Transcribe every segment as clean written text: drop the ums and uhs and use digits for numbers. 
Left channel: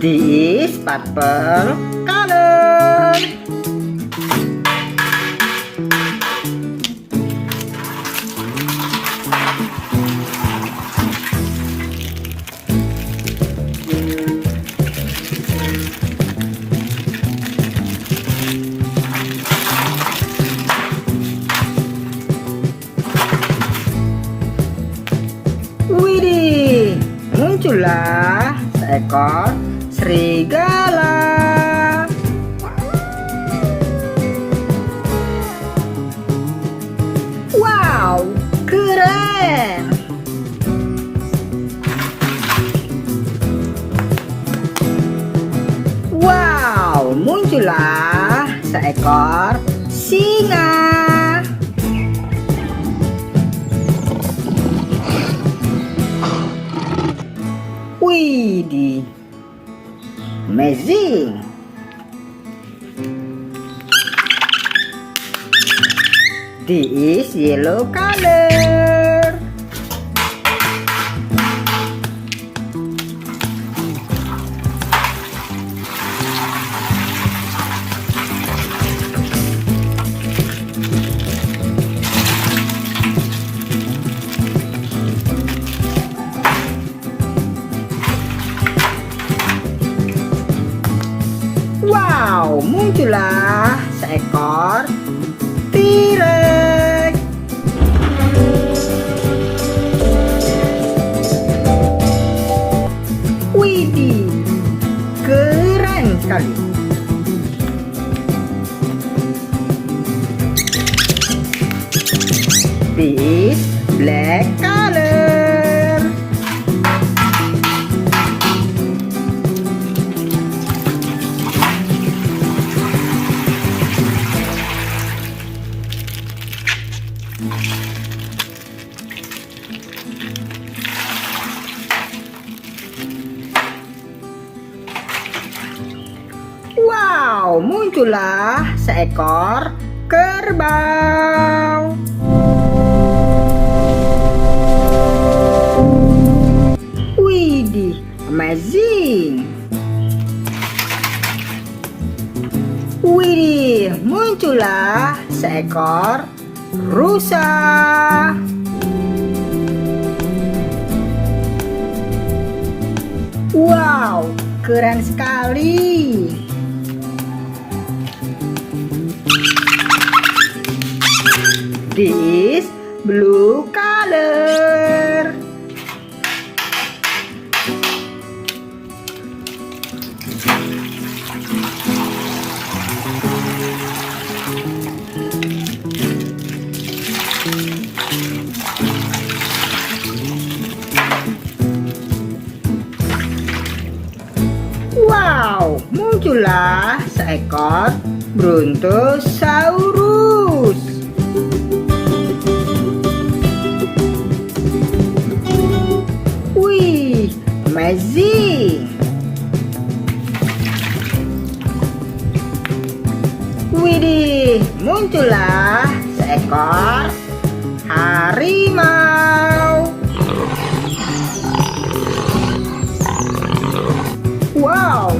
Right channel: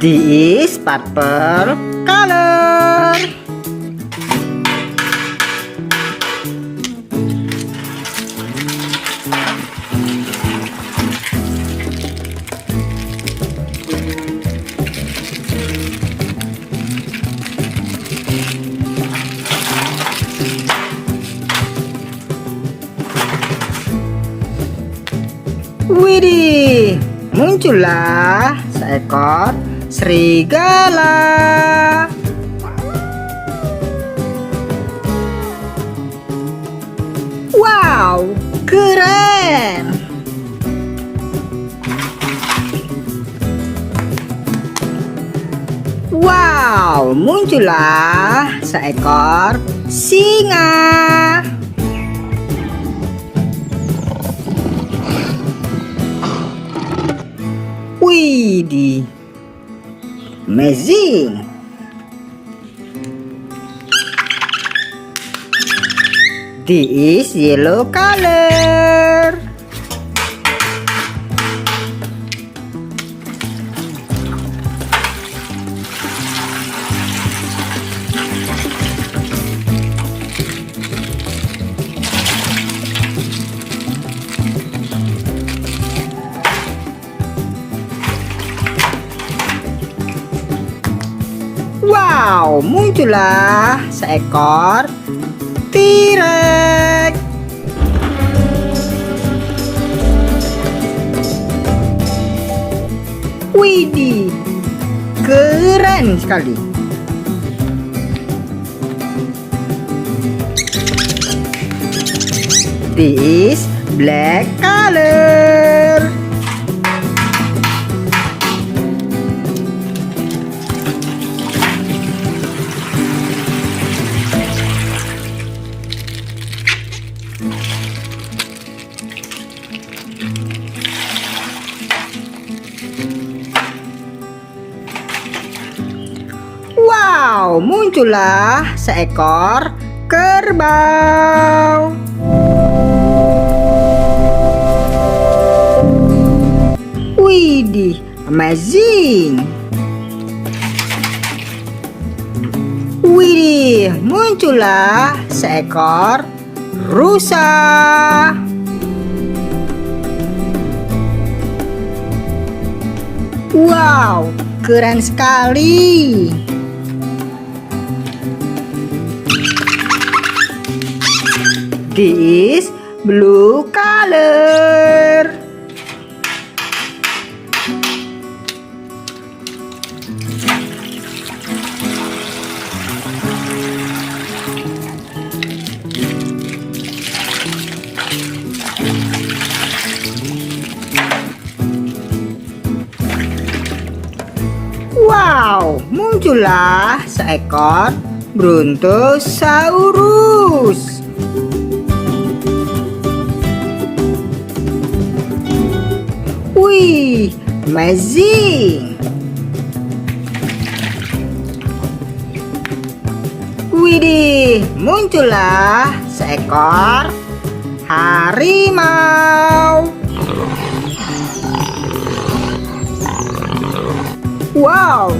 This is purple color. Widih, muncullah seekor serigala. Wow, keren. Wow, muncullah seekor singa. Widih, amazing. This is yellow color. Wow, muncullah seekor T-Rex. Widih, keren sekali. This is black color. Wow, muncullah seekor kerbau. Widih, amazing. Widih, muncullah seekor rusa. Wow, keren sekali. This is blue color. Wow, muncullah seekor Brontosaurus. Wih, amazing. Widih, muncullah seekor harimau. Wow,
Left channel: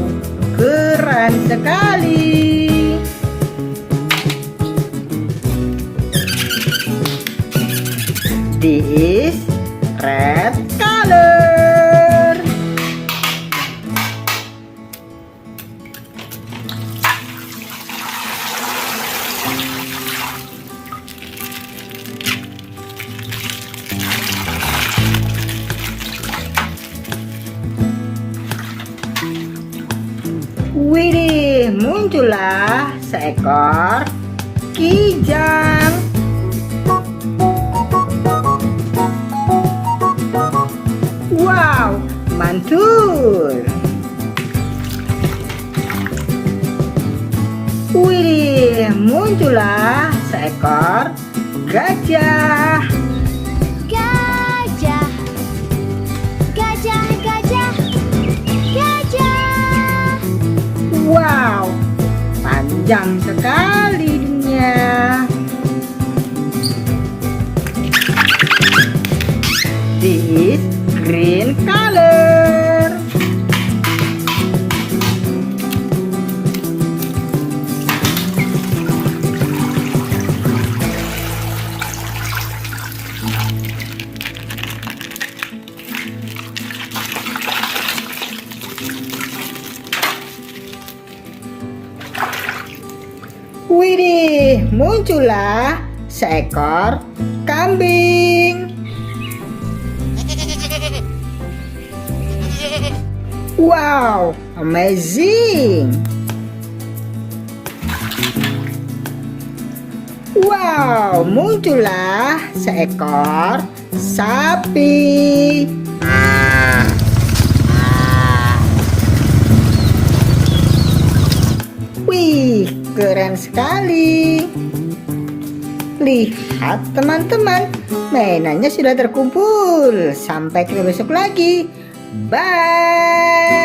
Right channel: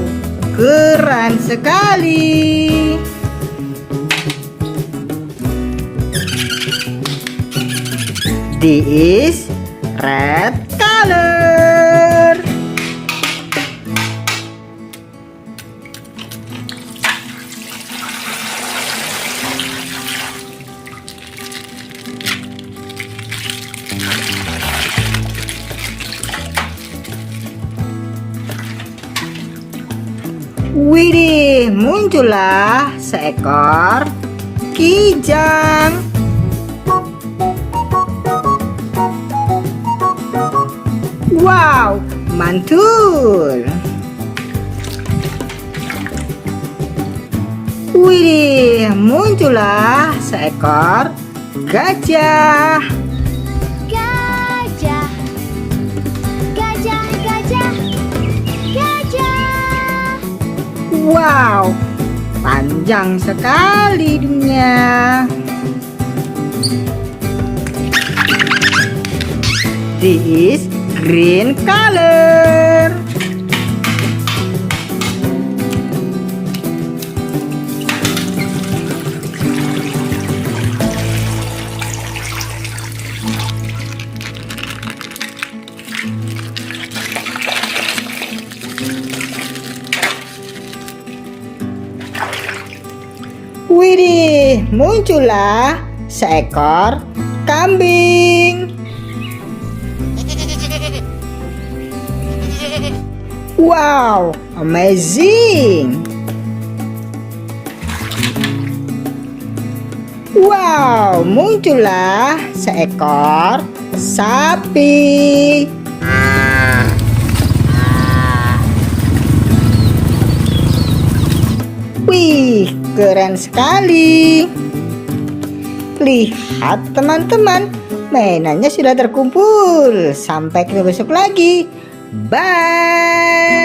keren sekali. This is red color. Widih, muncullah seekor kijang. Wow, mantul. Widih, muncullah seekor gajah. Gajah, gajah, gajah, gajah. Wow, panjang sekali dunia. This green color. Widih, muncullah seekor kambing. Wow, amazing. Wow, muncullah seekor sapi. Wih, keren sekali. Lihat teman-teman, mainannya sudah terkumpul. Sampai ketemu besok lagi. Bye.